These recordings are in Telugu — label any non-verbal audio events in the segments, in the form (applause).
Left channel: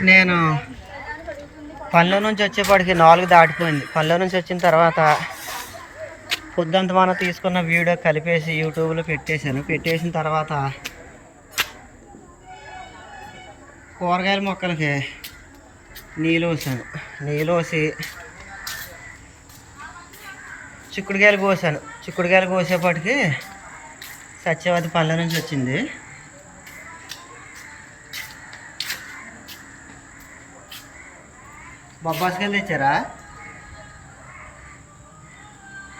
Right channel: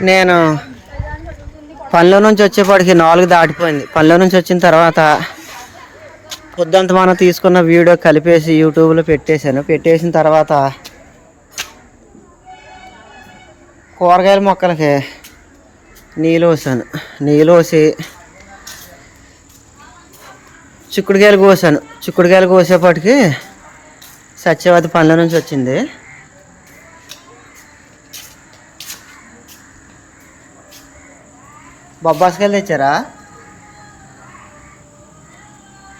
నేను పనిలో నుంచి వచ్చేప్పటికి నాలుగు దాటిపోయింది. పనిలో నుంచి వచ్చిన తర్వాత పొద్దుంత మనం తీసుకున్న వీడియో కలిపేసి యూట్యూబ్లో పెట్టేశాను. పెట్టేసిన తర్వాత కూరగాయల మొక్కలకి నీళ్ళు పోసాను. నీళ్ళు పోసి చిక్కుడుకాయలు కోసాను. చిక్కుడుకాయలు కోసేపటికి సత్యవతి పనుల నుంచి వచ్చింది. బొబ్బాసకాయలు తెచ్చారా?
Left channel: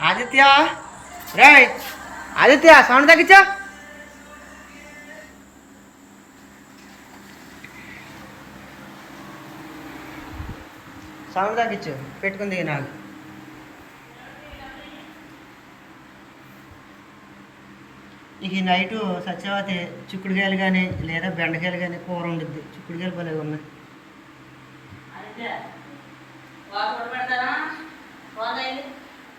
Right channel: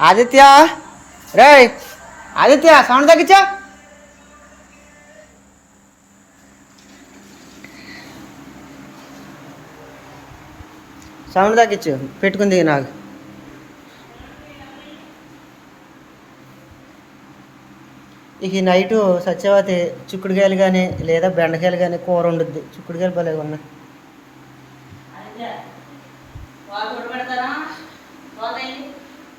ఆదిత్య? రే ఆదిత్య సౌండ్ తగ్గించా. సౌండ్ తగ్గించు పెట్టుకుంది నాకు. ఇక ఈ నైటు సత్యవతి చిక్కుడుకాయలు కానీ లేదా బెండకాయలు కానీ కూర వండుద్ది. చిక్కుడుకాయలు భలే ఉన్నాయి.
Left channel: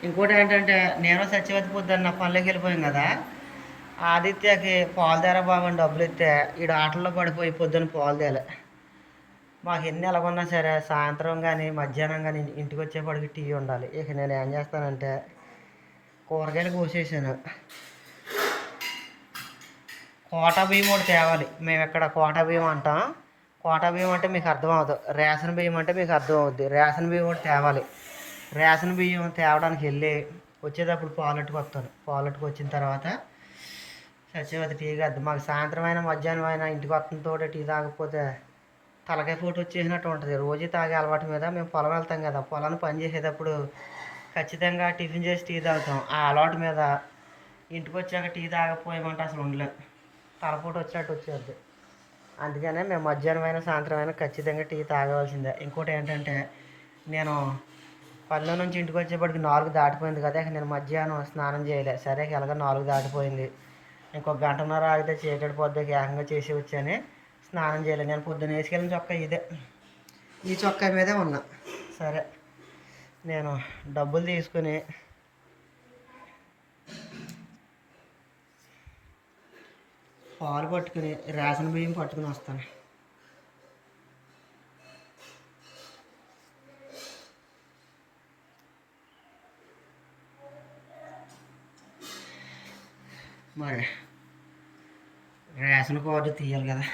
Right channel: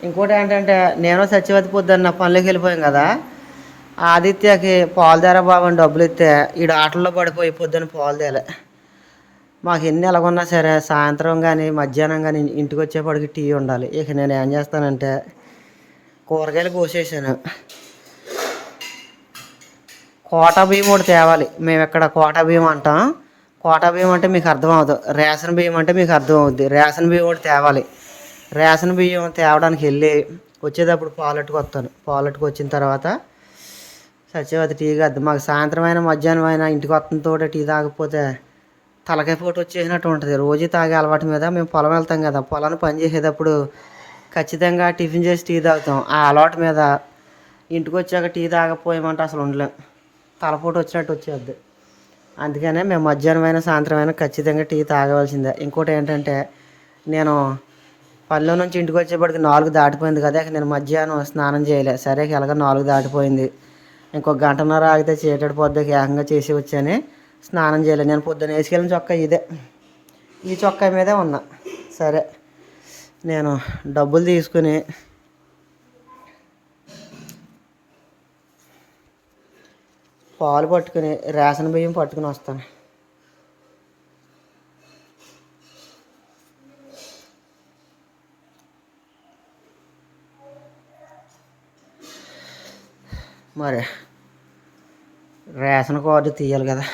ఇంకోటి ఏంటంటే నేను సత్యవతి పొద్దున్న పనులకు వెళ్ళిపోయాం కదా. ఆదిత్యకి పాలు తేరా అని డబ్బులు ఇస్తే ఈడు ఆటల్లో పడిపోయి పొద్దున్న పాలు మాకు ఎన్ని ఎలాగున్నా సరే సాయంత్రం కానీ మధ్యాహ్నం కానీ ఇంటికి వచ్చేప్పటికి టీ ఉండాలి. ఇక నేను ఏం చేస్తానంటే కూరగాయలు కోసేసాను. కోట బియ్యం ఒకటి తేవాలి. మేము ఇక్కడ కోట బియ్యం అంటాం. కోట బియ్యం అంటే మీకు అర్థం అవ్వదు. రేషన్ బియ్యం అంటే మీకు అర్థం అవుద్ది. రేషన్ బియ్యం ఒకటి తేవాలి. రేషన్ బియ్యం తేవడానికి వెళ్ళి వచ్చేటప్పుడు పాలెట్టుకు వస్తాను. పాలెట్టుకు వచ్చిన తర్వాత సత్యవతి టీ కాదు మాకు సాయంత్రం అయినా మధ్యాహ్నం అయినా ఇంటికి వస్తున్న తోట టీ తాగకపోతే తలకాయ పోటు వచ్చేసినట్టు ఉంటుంది. రోజు తాగే అలవాటు మీద మేము పొలం వెళ్తాం కదా పొలాన్ని పని చేసేటప్పుడు ఖచ్చితంగా టిఫిన్ చేసి టీ తాగుతాం. ఆ అలవాటు మీద ఇంటికి వచ్చాక టీ తాగకపోయామంటే అసలు ఉండలేం. తలపోటు వచ్చినట్టు వచ్చేది. అందుకనే మేము మధ్యాహ్నం అయినా సాయంత్రం అయినా ఖచ్చితంగా టీ తాగవలసిందే. ఇంకోటి ఏంటంటే నేను పనిలో నుంచి ఇంటికి వచ్చేప్పటికి నాలుగు దాటిపోయింది కదా నేను మధ్యాహ్నం స్నానం చేయలే. సరే ఎలాగ నాలుగు దాటిపోయింది. ఇంకొక గంటన్నర ఆగితే చీకటి పొద్దు ఏకంగా చేసి వచ్చాను. స్నానం చేయలేదు నేను పొద్దున్న వేసుకెళ్ళిన చొక్కా ఇదే. ఈ చొక్కా మీదే ఉన్నా. సరే నేను డబ్బులు తీసుకుని పాలు పట్టుకుని రేషన్ బియ్యం పట్టుకుని వస్తాను. మరి రేషన్ కార్డు తీయాలి కదా.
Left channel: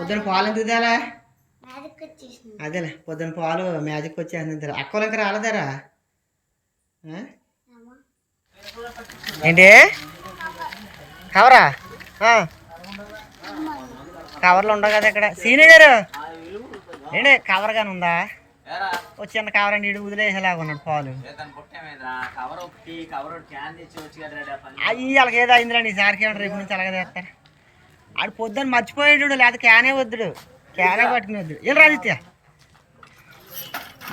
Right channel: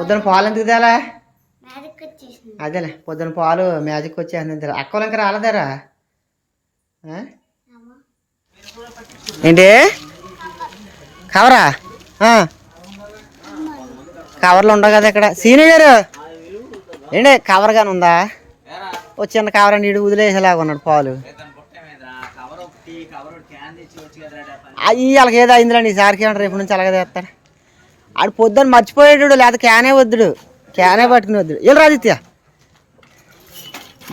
పొద్దున పాలు ఎందుకు తేలా మ్యాజిక్ వచ్చేసింది. అదేలే పొద్దున పాలు మ్యాజిక్ వచ్చేసింది అక్కలు ఇంకా రాలేదారా? ఏంటి? కవరా ఆ. కవర్లు ఉండవు కదా ఇక్కడ. సీని గారు ఏంటి? కవర్ కానీ ఉందా? ఓ చిన్న కవర్ అండి ఇడు వదిలేసేలాగా ఉన్నాడు పాలు. అయ్యి వాళ్ళకి ఏదో అయిందిలేండి ఈసారికి ఏమంటారు రేపు నుంచి అలాగే తెస్తారు. ఆడు పొద్దున్న మర్చిపోయాడు లేదా క్యానే వద్దుడు. క్యానే పట్టుకుని వద్దుడు వెళ్ళి ఆదిత్య.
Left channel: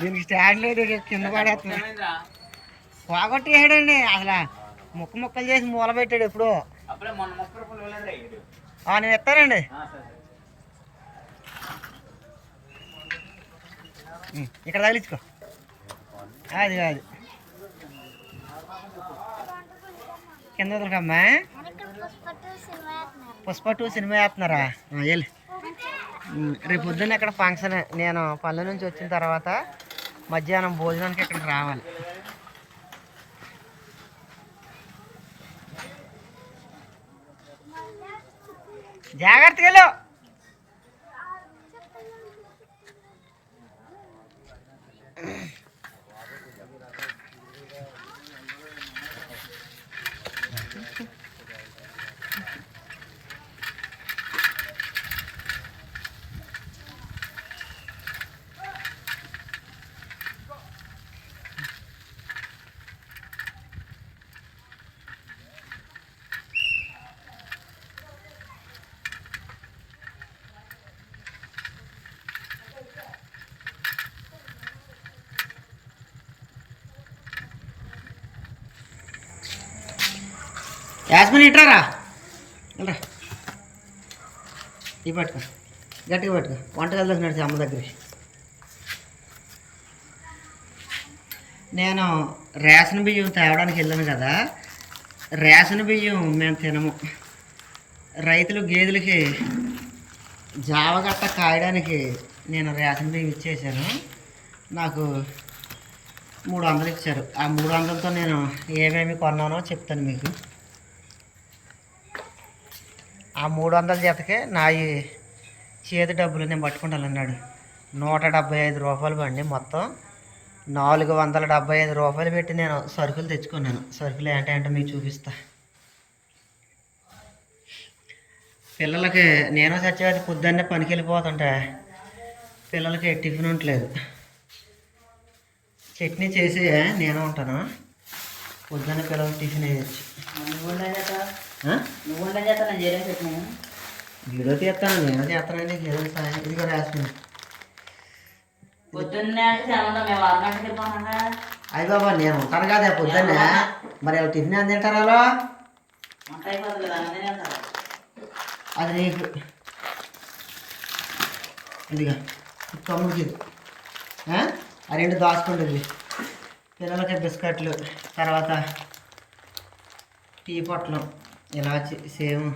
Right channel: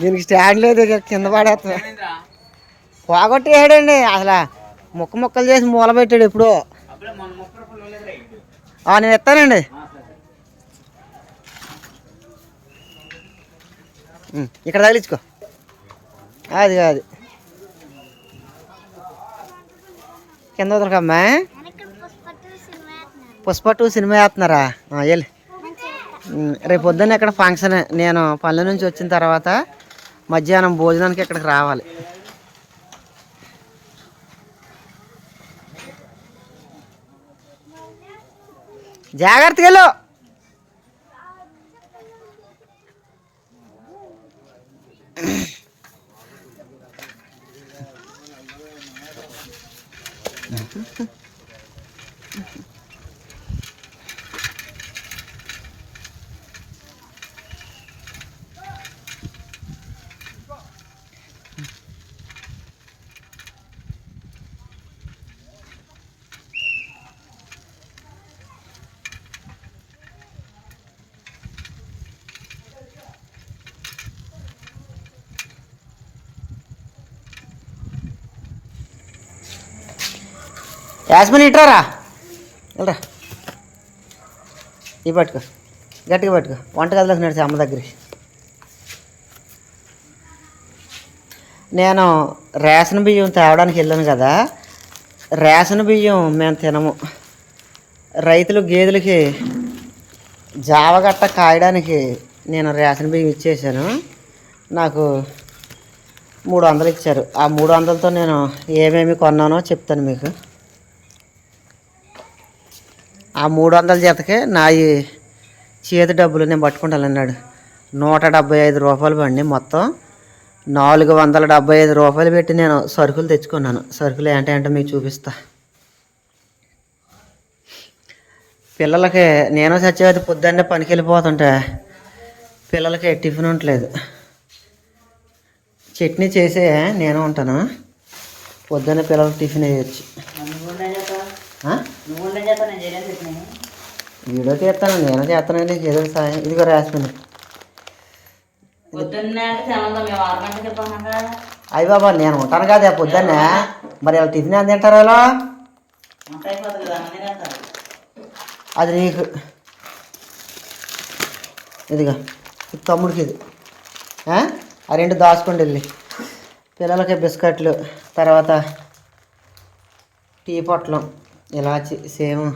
దీనికి స్టాండ్ లేదు కింద పడేస్తా. పోగొట్టేసాడండి. అసలు ముక్క ముక్కలు చేసి మూల పెట్టాడు ఎప్పుడో. ఆ, నేను ఎత్తానండి ఉం, ఇక్కడ తగిలించుకో. అది అది కింద వదలకమ్మా వెనక పుష్పట్టు సినిమా వేస్తున్నారు పుష్ప టూ సినిమా వేస్తున్నారా? వెళ్ళి రేపు పొద్దున్న ఇక్కడ ఫంక్షన్ నేను పల్లె నుంచి వచ్చిన తర్వాత మధ్యాహ్నం భోజనానికి ఇక్కడికి రావాలి. జాగ్రత్తగా వెళ్ళు. యాస్మిన్ ఇట్రారా? వెళ్ళరా. ఇవి పట్టుకో. గట్టిగా పట్టుకో. వంటగదిలోకి నడిచి అమ్మ దగ్గరికి. నేను రేషన్ బియ్యం తేవడానికి వెళ్ళాను కదా. రేషన్ బియ్యం మేము తినము. రైతులు గేదెలకి జావగట్ట కాయడానికి నేను రేషన్ బియ్యం ఇచ్చేసాను. నాకు మూడు వందలు ఇచ్చారు. ఆ మూడు వందలతో నేను ఏమేమి కొన్నానో చెప్తాను మీకు. ఆ మూడు వందల జతకే నా ఈ చేతి డబ్బులు నేను పట్టుకుంటానన్నాడు. నూట డెబ్బై ఐదు రూపాయలు పండి మొత్తం నాలుగు వందల డెబ్బై ఐదు రూపాయలు పెట్టి నేను సరుకులు తెచ్చుకున్నాను. సరుకులు ఏంటంటే మీకు చూపిస్తా. పిల్లలకి నేను సత్యవతి పొద్దున్నే పనికి వెళ్ళిపోతుంటే పిల్లలకి టిఫిన్ ఉండలేదు చట్నీ చేసే నేను ఉంటాను. పొద్దున్న పిల్లలకి టిఫిన్ వేయచ్చు. వీడియో తీస్తాను నేను చేస్తాను నీకు ఏదో సాయం. ఇదిగో వెళ్ళిపోమంటా. అయ్యి బాబా నేను ఉంటాను కదా పొద్దున్నే. మరి వాళ్ళు టిఫిన్ ఎంత తింటారు వాళ్ళు? అది నీకు. ఇదిగా ఇది తమ్ముడికి ఇది? ఆ రెండు దాచుకోండి వెళ్ళి. పిల్లలకి బిస్కెట్లు తర్వాత టీ పొట్లం. ఇలాచి సేమ్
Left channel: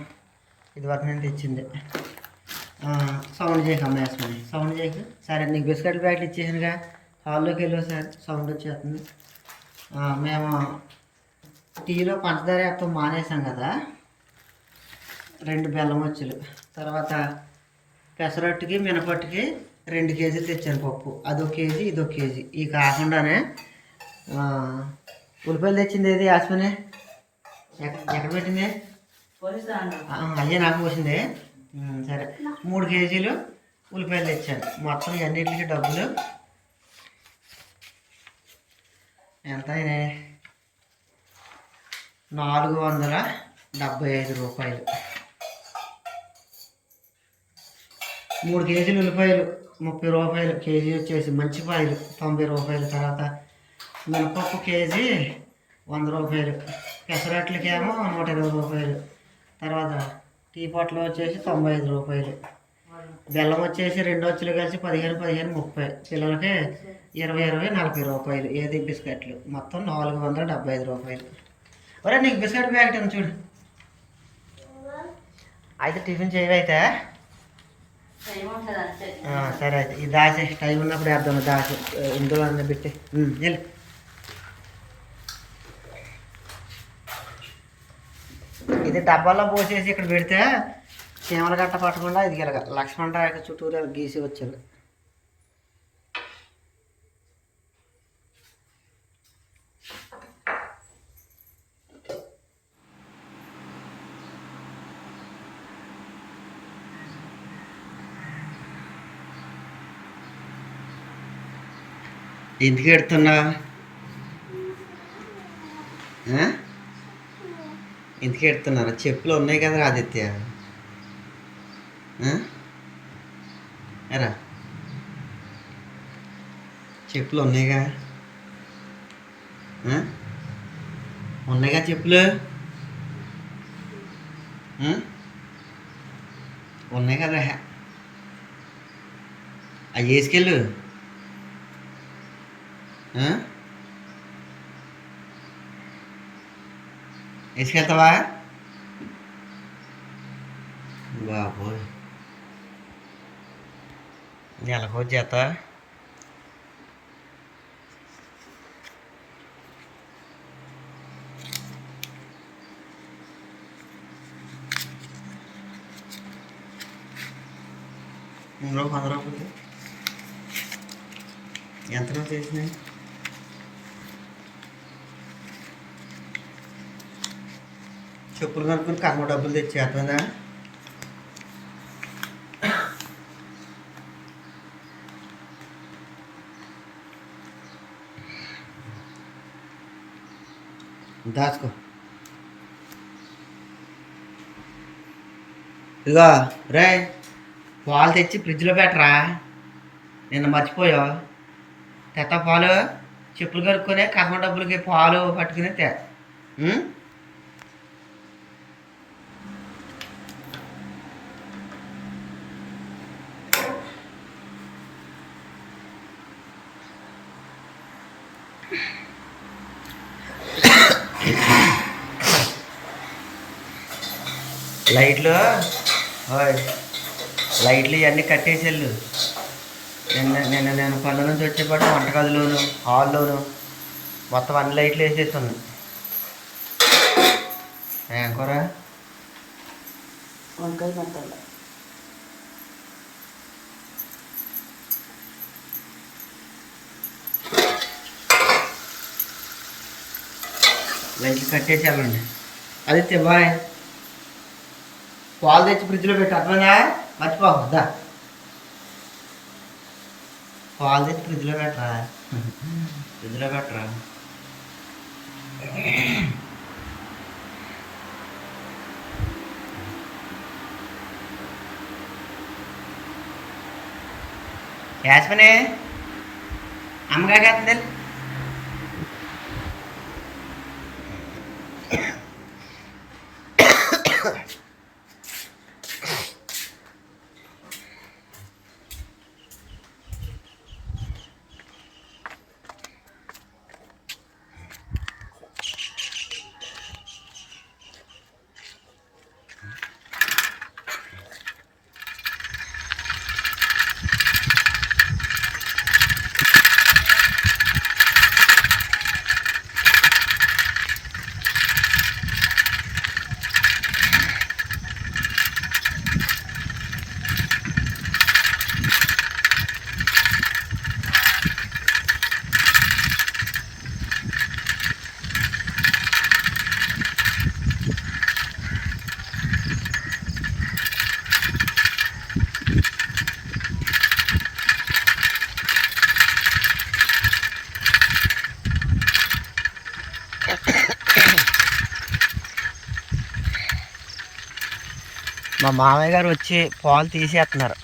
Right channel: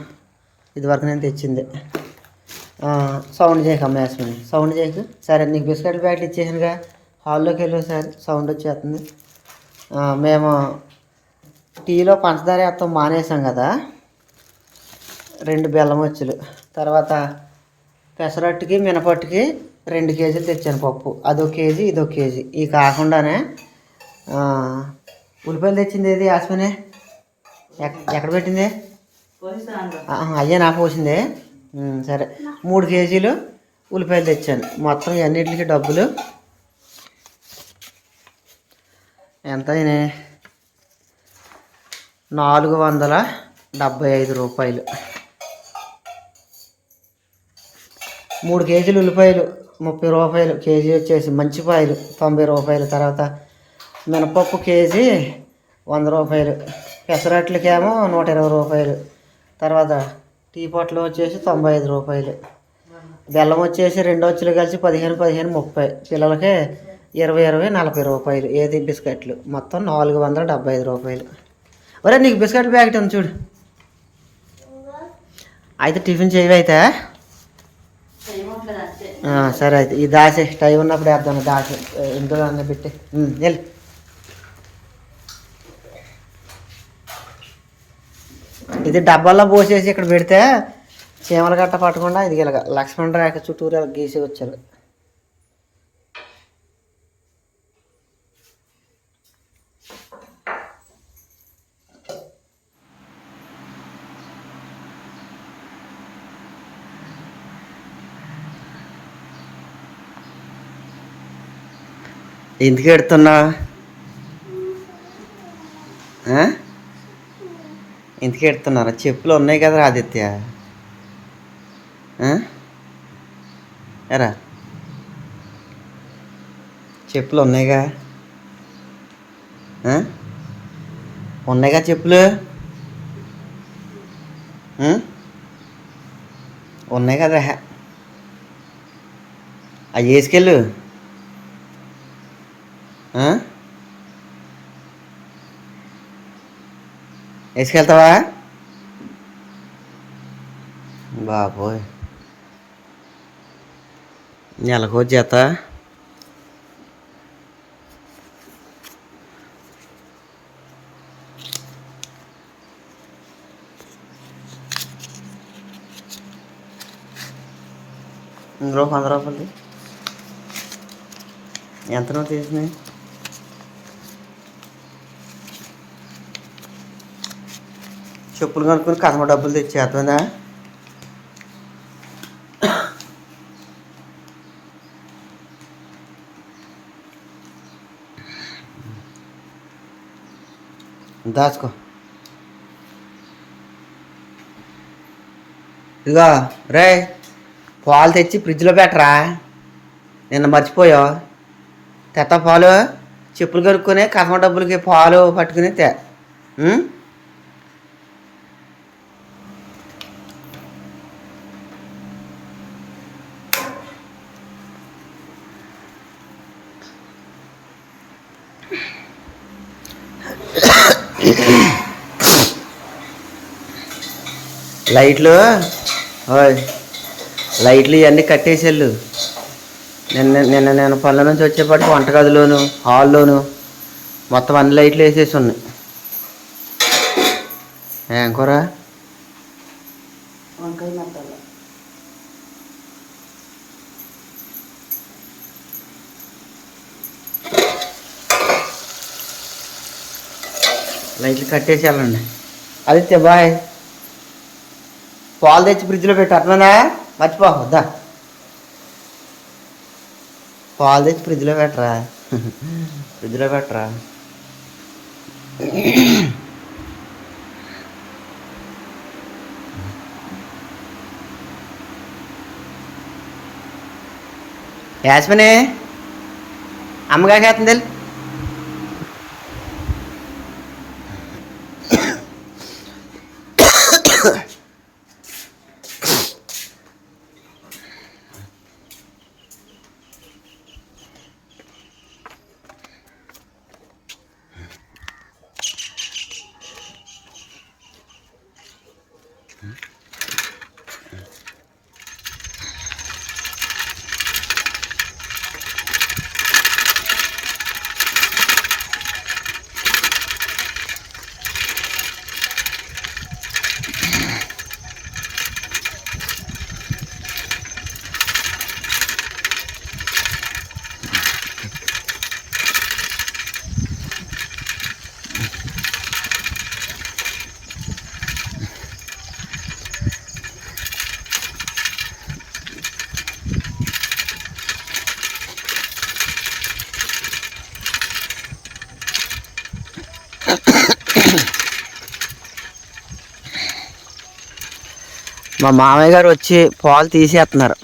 ఇదివరకు నేను తెచ్చింది. సౌండ్ చేయక అమ్మేస్తుంది సౌండ్ చేయక. సరే నీకు బిస్కెట్ ప్యాకెట్ ఇచ్చేసానుగా. హాల్లోకి వెళ్ళి సార్ సౌండ్ వచ్చేస్తుంది. మేము టీలో పంచదార వేస్తాం మానేసాం కదా. రెండు బెల్లం వచ్చులు. తర్వాత పెసరట్టుకి మినపట్టుకి రెండు కేజీలు తెచ్చాను పప్పు. అదో కేజీ ఇదో కేజీ. ఈ కాకుండానే ఉల్లిపాయలు తెచ్చింది ఏది యాస్మినే? ఎక్కడ పెట్టింది? అయ్యే నాకు పోసిందే. సరే. మూడు కేజీలు ఉల్లిపాయలు తెచ్చాను. మొత్తం అన్నిటికి డబ్బులు. ఎంత అయినాయి నాలుగు వందల డెబ్బై ఐదు రూపాయలు. మూడు కేజీలు ఉల్లిపాయలు ముప్పై రూపాయలు కేజీ వచ్చేసి మంచిపాయలు తొంభై రూపాయలు. తర్వాత మినపప్పు కేజీ వంద రూపాయలు. పెసరట్లకేమో నూట ఇరవై రూపాయలు. తర్వాత టీ పొట్లు వచ్చేసి తొంభై ఐదు రూపాయలు. బెల్లం వచ్చేసి రెండు వచ్చులు కలిసి పదిహేను పదిహేను ముప్పై. పిల్లలకి ఇరవై ఇరవై నలభై రూపాయలు ఏది బిస్కెట్లు? మొత్తం నాలుగు వందల డెబ్బై ఐదు రూపాయలు. ఒరే నీకు బిస్కెట్ ప్యాకెట్ ఉంది చూడు. అయితే టిఫిన్ చేయవి అయితే? సరే అయితే. ఈ దాసే టైం ఉన్నప్పుడు వేద్దాం దాసే. ఇందులో అన్న పెట్టి. వెళ్ళి. ఇది డబ్బాల్లో పోసేసి ఇక్కడ పెడితే చీమల గట్ట పట్టకుండా ఇది ఇలాగ లక్ష్మణ రేఖ చుట్టూరు ఇలా గీసి వచ్చారు. ఎందుకు ఎడుతున్నావా? ఎందుకు ఎడుతున్నారా చెప్పులు ఉన్నాయి కదా ఆదిత్య. ఎరా. చెప్పులు ఉన్నాయిగా? ఉన్నాయిగా చెప్పులు? ఉన్నాయి కదా అవి వేసుకెళ్ళు. వేసుకెళ్తావా? బాబోయ్. నెలకో జత ఇందులో వంద రూపాయలు. ఎంత నువ్వు తీసినాయి చెప్పులు కనుక్కొని కథమ డబ్బులు తెచ్చి దాచుకో. ఇదిగో రే పాలు తెచ్చి ఫ్రిడ్జ్లో పెట్టరా? నిన్న మర్చిపోయావు. తెత్త పాలు చెప్పులు కడుక్కొని కథమ డబ్బులకి పాలు పట్టుకుని తే లైట్లు? లైట్లు ఇవన్నీ కట్టేసేళ్ళు. నిన్న నిన్న నేను పనుల నుంచి వచ్చేపాటికి వంటగదిలోను హాల్లోను మొత్తం అన్ని లైట్లు వేసేసి ఉన్నాయి ఏం కూర? లైట్లు కట్టేసి వెళ్ళండి. ఆదిత్య బాయ్. పాలు తెచ్చి ఫ్రిడ్జ్లో పెట్టి అర్థమైందా? మర్చిపోవద్దా పాలు తెచ్చి ఫ్రిడ్జ్లో పెట్టరా? ఫ్రిడ్జ్లో పెట్టరా? యాస్మిని అమ్మగా కాస్తుంది మామయ్య గారు వచ్చి పాలు తీసేస్తున్నారు.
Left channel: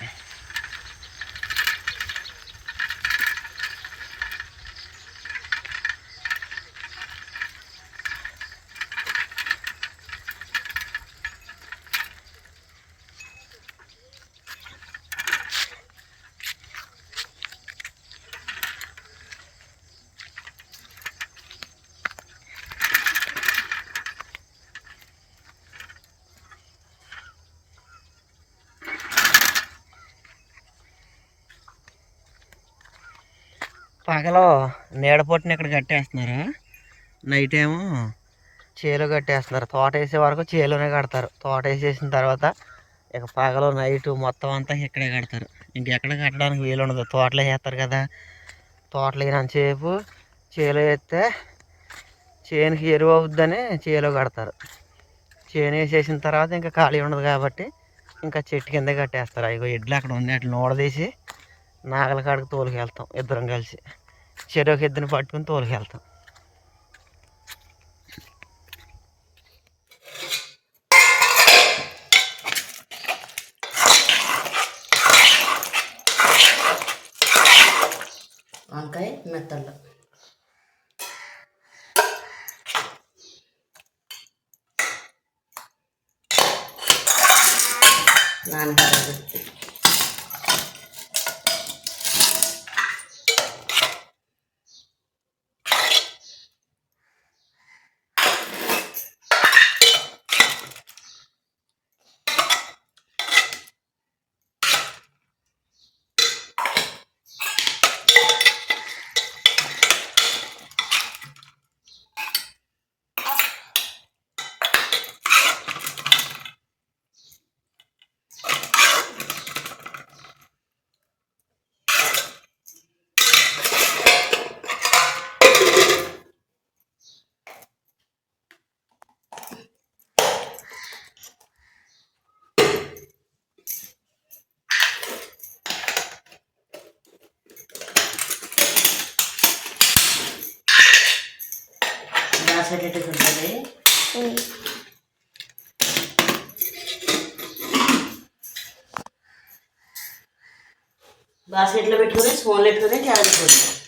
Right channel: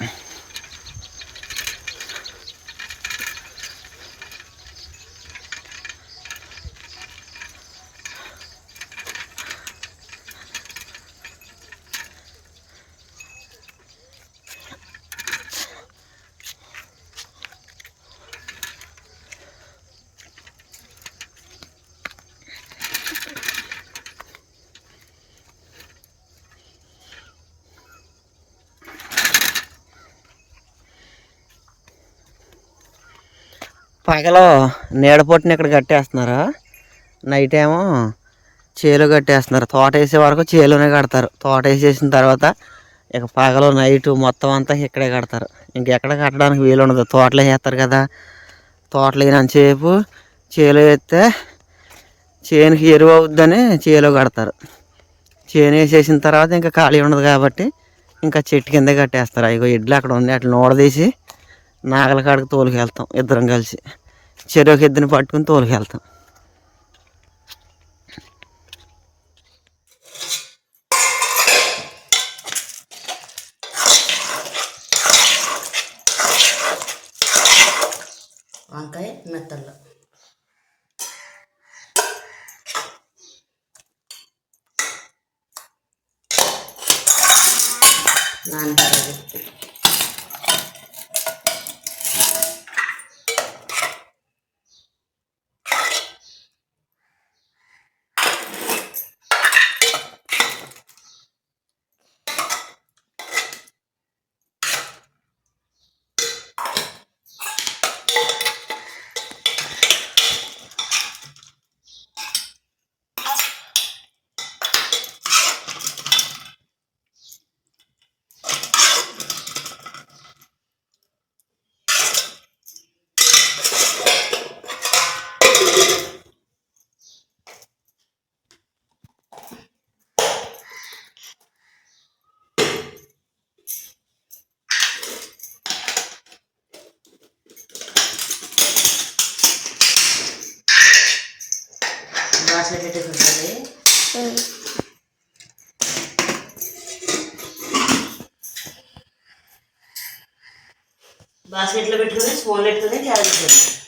పగలో నీడపొట్టుని ఇక్కడ కట్టేస్తున్నారు. నైట్ ఏమో చేలు కట్టేస్తున్నారు. తోట వేసే వరకు చేలోనే కడతారు. తోట వేసేసిన తర్వాత ఇక పగలు నైట్ మొత్తం అంతా ఇక్కడే కడతారు. ఇంకెక్కడ కట్టడానికి వీలు ఉండదు. తోటలో వేస్తారు కదా. తోటలో వేసినంతసేపు చేలో వేస్తే చేనుకి ఎరువు అవుద్దని చేలో కడతారు. చేను వేసేసిన తర్వాత ఇంకా ఖాళీ ఉండదు కాబట్టి ఇంకా చెట్టు కింద కట్టేస్తారు. అయ్యో ఇడ్లు అక్కడ ఉంది. అట్లా నోడదీసి నాగల కాడికి తోలుకెళ్తాం. ఇద్దరం కలిసి. చెరువుకి ఇద్దరిని పట్టుకుని తోలుకెళ్తాం. వంకాయ మెత్తళ్ళు నాన్నగారు బాస్కెట్ ఉంటుంది బాస్కెట్లో పెట్టుకుని స్పూన్లో పెట్టుకుని క్యారెట్ పెట్టుకుని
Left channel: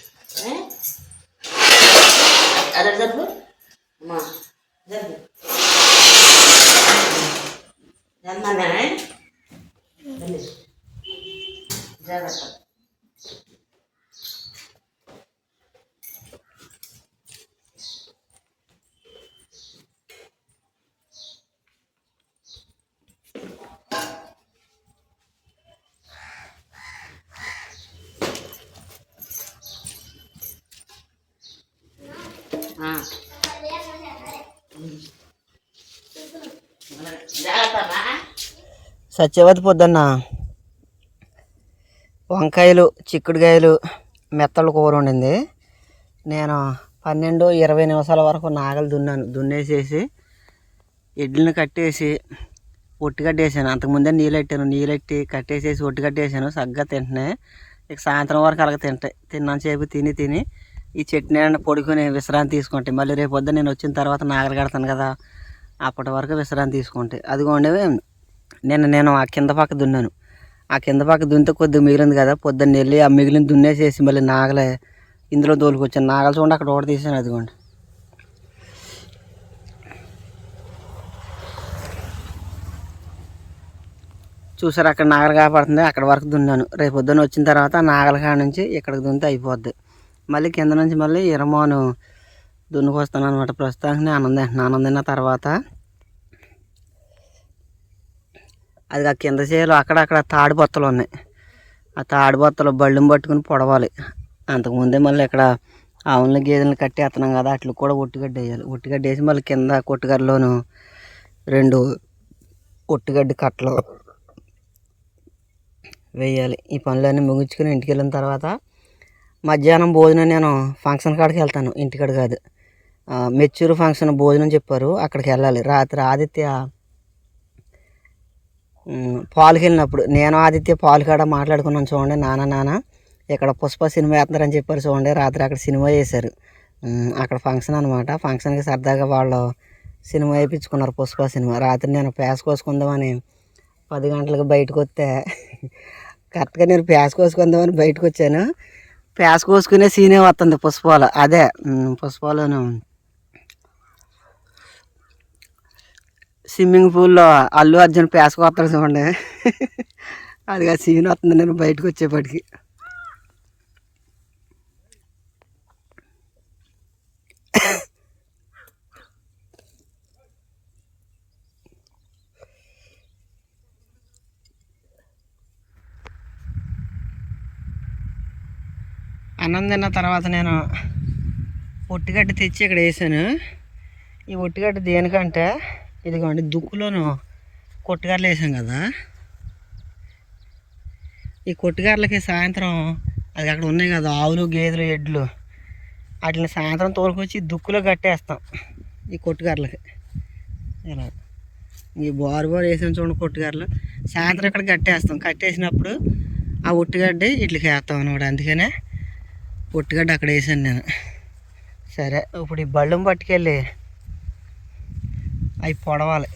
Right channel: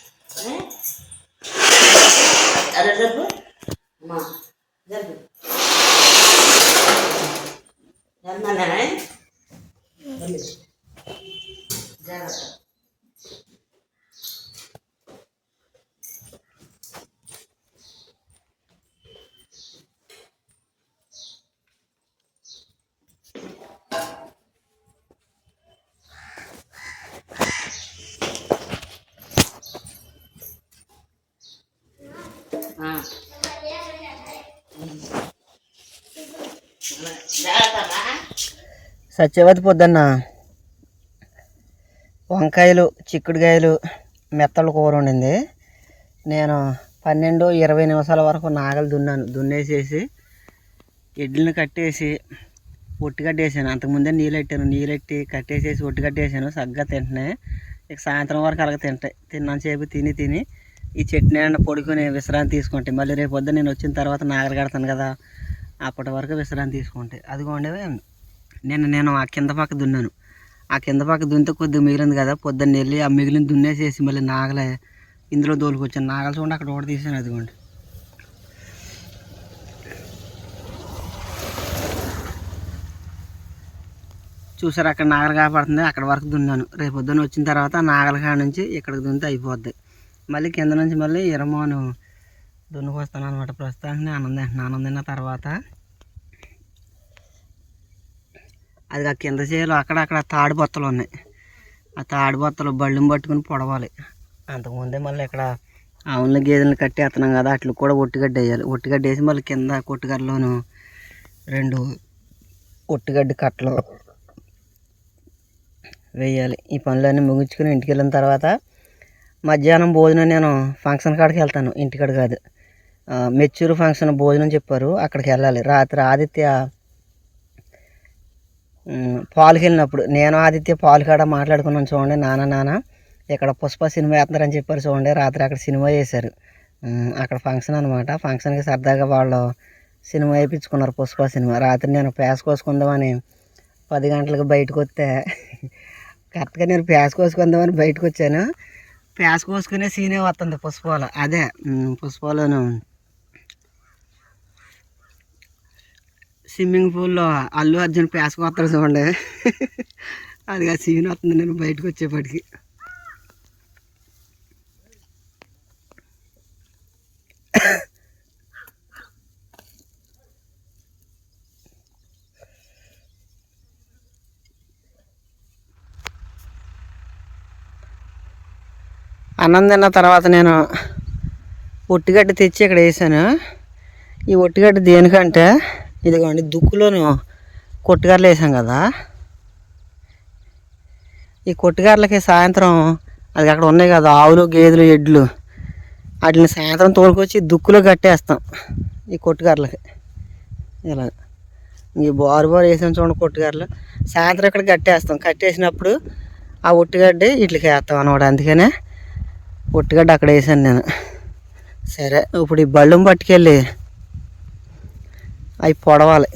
సత్యవతి పొద్దున్న. వంకాయలు చిక్కుడుకాయలు మెత్తలు కూర వండింది. నేను పన్నెండు ఇరవై నిమిషాల వరకు నాగలు దున్నాను. దున్నేసేసి ఎడ్లను కట్టేసి ఒట్టిగడ్డేసాను అంతకుముందే నీళ్ళెట్టాను నీళ్ళెట్టి కట్టేసేసి ఒట్టిగడ్డేసాను సగ్గా తింటున్నాయి. ఇక సాయంత్రం వరకు అలాగ తింటాయి తిన్నంతసేపు తిని తిని ఈ చట్నీ అన్న పొడుకొని విశ్రాంతి తీసుకుంటే మళ్ళీ రేపు పొద్దున్న నేను వచ్చిన తర్వాత నాగలి కడతాను కదా అప్పటి వరకు విశ్రాంతి తీసుకుంటే. అదిగోండి నిన్న నేను ఆ కింద పక్క దున్నాను. ఆ కింద పక్క దున్నితే కొద్దిగా మిగిలింది కదా పొద్దున్న వెళ్ళి ఆ మిగిలిన దున్నేసేసి మళ్ళీ నాగలే ఇందులో దోలుకొచ్చాను నాగలు చూడండి అక్కడ ఒకటి తీసాను అదిగోండి. చూసారు అక్కడ నాగలు కాపాడుతుంది అక్కడ వరకు దున్నాను. రేపు పొద్దున్న వచ్చిన తర్వాత ఆ నాగల కాడ నుంచి ఇక్కడికి దున్నితే అయిపోద్ది. మళ్ళీ కింద నుంచి మళ్ళీ ఇరమోను దున్నుకొస్తాను అనమాట ప్రస్తుతానికి నేను ఆనందిన తర్వాత అది ఆ కింద చేలు అక్కడక్కడ తాడి బొత్తలు ఉన్నాయి. ఆ తాడి బొత్తలు బళ్ళుని పట్టుకుని పొడవాలి. అంతకుముందే మళ్ళీ ఇక్కడ ఆవులని గేదెలను కట్టేస్తున్నాం కదా అట్లు కూడా ఒట్టిగడ్డ వేయాలి. ఒట్టిగడ్డ వేసి మళ్ళీ కింద కొట్టుగడ్డలోను రెండు ఒట్టిగడ్డి కట్టలు వేయాలి. ఈ పనులన్నీ ముగించుకుని ఇంటికి వెళ్ళిన తర్వాత మధ్యాహ్నం భోజనం నేను ఫంక్షన్ కాడికి వెళ్తాను ఇంటికాడ కాదు. మెచ్యూర్ మెచ్చూరు ఫంక్షన్ భోజనం చెప్పారు అక్కడికి వెళ్ళాలి. రాత్రి ఆదిత్య ఉమ్, పాలుకి వెళ్ళినప్పుడు నేను ఆదిత్య పాలు కాడ మాట్లాడుకున్నాను చూడండి నాన్న నాన్న ఇక్కడ పుష్ప సినిమా వేస్తున్నారని చెప్పారు చూడండి రాత్రి అక్కడ సినిమా చేశారు. అక్కడ ఫంక్షన్ అనమాట ఫంక్షన్కి సరదాగా వాళ్ళు సినిమా వేయించుకున్నారు పుష్ప సినిమా. రాత్రి నేను ప్యాస్ కోసుకుందామని పది గంటలకు బయటకు వస్తే కరెక్ట్గా నేను ప్యాస్ కోసుకుందామని బయటకు వచ్చాను ప్యాస్ కోసుకునే సీనే వస్తుంది పుష్పాలు. అదే పుష్పాలను స్విమ్మింగ్ పూల్లో అల్లు అర్జున్ ప్యాస్ కొత్తాడు చూడండి. (laughs) అది ఆ సీన్ వస్తుంది నేను బయటకు వచ్చేప్పటికి. అన్నం తిన్న తర్వాత నేను ఒట్టిగడ్డ తెచ్చి ఇక్కడ వేసాను. ఈ ఒట్టిగడ్డ దేనికంటే ఇదిగోండి దుక్కులోను కొట్టుగారలు వేసాం కదా. ఈ కొట్టుగారలకి సాయంత్రం అది అక్కడ ఉన్నాయి కదా ఆవులు గేదెలు ఎడ్లు వాటిని సాయంత్రం తోలుకొచ్చి దుక్కులో కట్టేస్తాం ఈ కొట్టుగారలకి. ఇలా. ఈ బోరు బోరు వేసాం చూడండి కొట్టుగారలు. సాయంత్రం ఇక్కడ కట్టేస్తాం. కట్టేసినప్పుడు ఆ ఒట్టిగడ్డి ఇట్లకి వేస్తాం అనమాట అందుకనే పొట్టుగడ్డ అక్కడ వేసాను నేను. సరే ఇప్పుడు ఈ బళ్ళం పట్టుకెళ్ళి అవి పొడవాలి.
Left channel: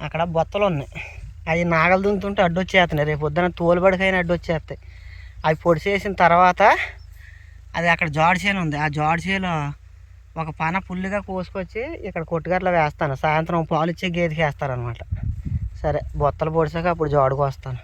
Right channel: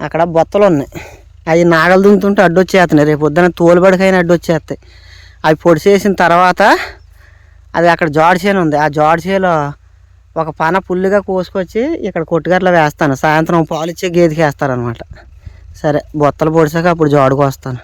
అక్కడ బొత్తలు ఉన్నాయి. అవి నాగలు దుంతుంటే అడ్డొచ్చేస్తున్నాయి రేపు పొద్దున తోలుబడికైనా అడ్డొచ్చేస్తాయి అవి పొడిసేసిన తర్వాత అది అక్కడ జాడి చేను ఉంది. ఆ జాడి ఒక పన పుల్లిగా కోసుకొచ్చి ఇక్కడ కొట్టుగట్లో వేస్తాను. సాయంత్రం పాలు ఇచ్చే గేదెకి వేస్తారనమాట సరే బొత్తలు పొడిచాక అప్పుడు జాడుకు వస్తాను.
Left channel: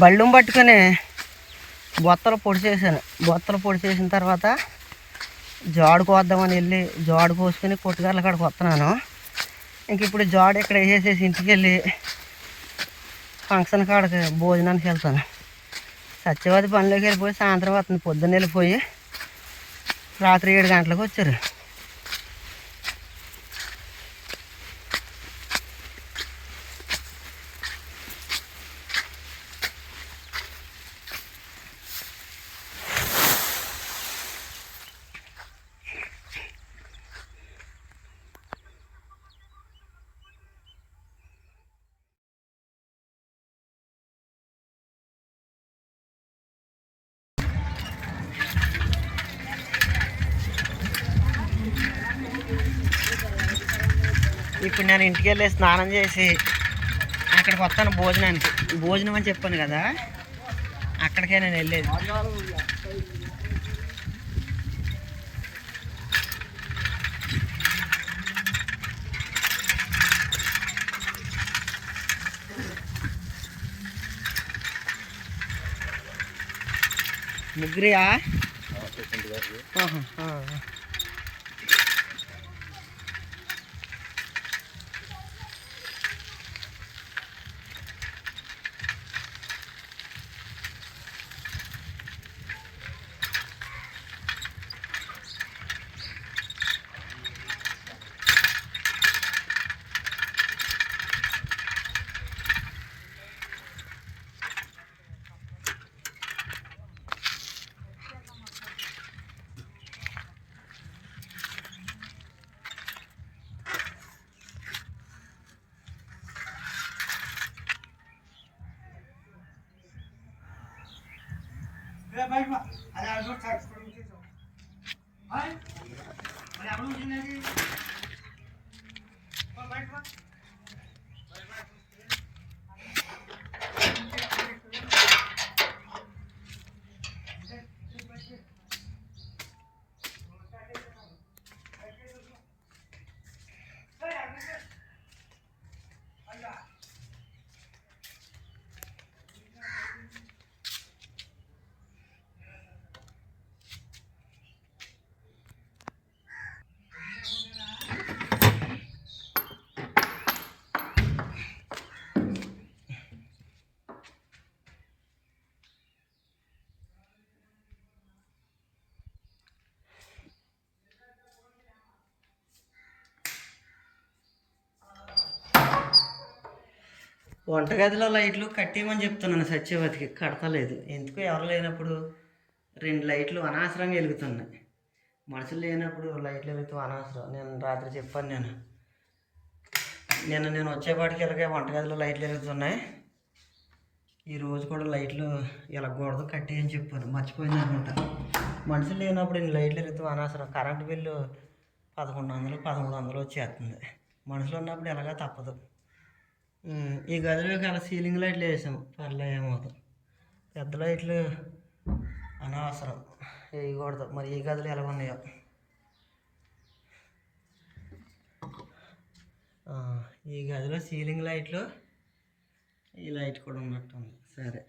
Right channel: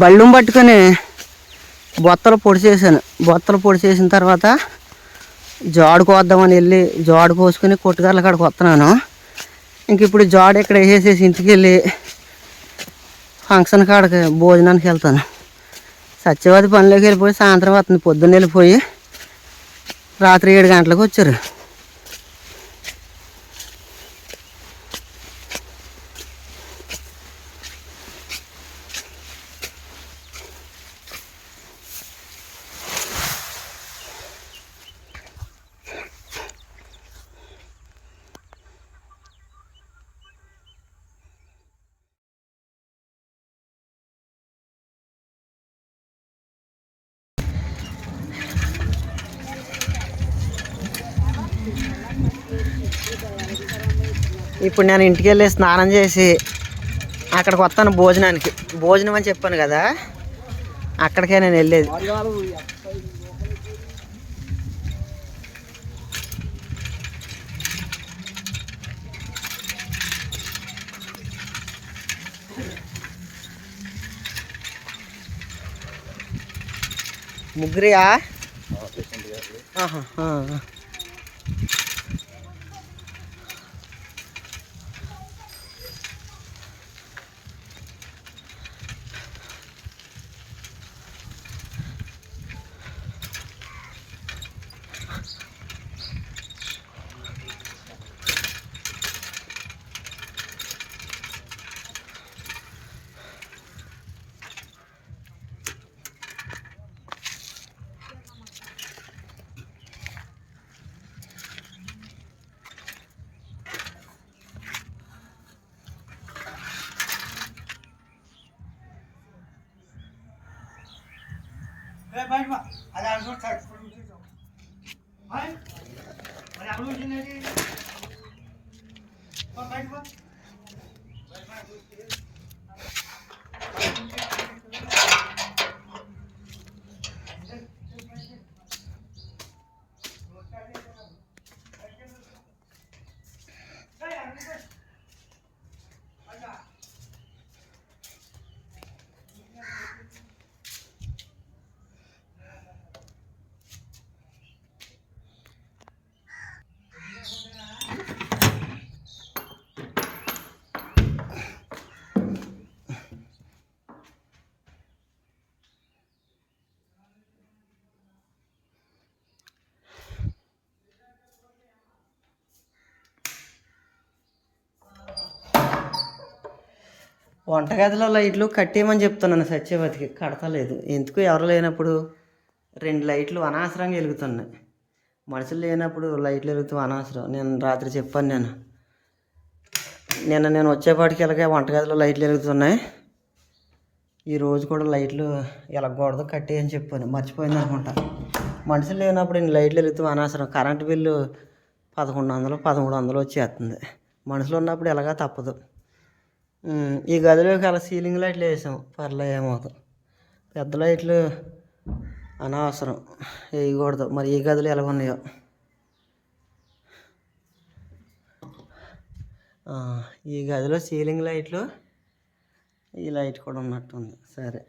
బళ్ళం పట్టుకొని బొత్తలు పొడి చేశాను. బొత్తలు పొడి చేసిన తర్వాత జాడు కోద్దామని వెళ్ళి జాడు పోసుకొని కొట్టుగార్ల కాడికి వస్తున్నాను. ఇంక ఇప్పుడు జాడు ఇక్కడ వేసేసి ఇంటికి వెళ్ళి ఫంక్షన్ కాడకి భోజనానికి వెళ్తాను. సత్యవాది పనిలోకి వెళ్ళిపోయి సాయంత్రం వస్తుంది పొద్దున్న వెళ్ళిపోయి రాత్రి ఏడు గంటలకు వచ్చారు. ఇప్పుడు నేను ఇంటికి వెళ్ళి స్నానం చేసి అక్కడికి వస్తాను భోజనానికి. భోజనం అని చెప్పాను కదా అక్కడికే నేను వెళ్ళేది. ముగ్గురియా? ఆహా, ఆ. వంటగదిలో లైట్లు కట్టేయమని చెప్తున్నాను సత్యవతికి. కడతలేదు. ఎందుకు ఎవరు లేనప్పుడు? రెండు లైట్లు అనవసరంగా వెలుగుతున్నాయి. మనుషులు లేనప్పుడు లైట్లు వెలుగుతూ అనవసరం. నేను రాత్రి చెప్పాను నేను. నిన్న నేను వచ్చేపాటికి ఇలాగే వంటగదిలో లైట్లు వెలుగుతున్నాయి. ఈ రోజు కూడా లైట్లు వెలగకూడదు కట్టేయని చెప్పాను. మర్చిపోయింది అనుకుంటా. మనుషులు లేనప్పుడు నేను లైట్లు వెలుగుతూ అనవసరం. కరెంటు బిల్లు పదకొండు వందలు పదమూడు వందలు వచ్చేస్తుంది. మనుషులు ఉన్నప్పుడు ఎలాగా తప్పదు. ఈ గదిలోకి అలా సీలింగ్ లైట్లు వేసాం. పర్లే ఏమవుతాం పెద్ద లైట్లు అనవసరం వేయకూడదు. మరి ఈ గదులు ఎలా ఉన్నాయో. ఈ గదిలో సీలింగ్ లైట్లు ఈ లైట్ కూడా ఉన్నట్టుంది. సరే.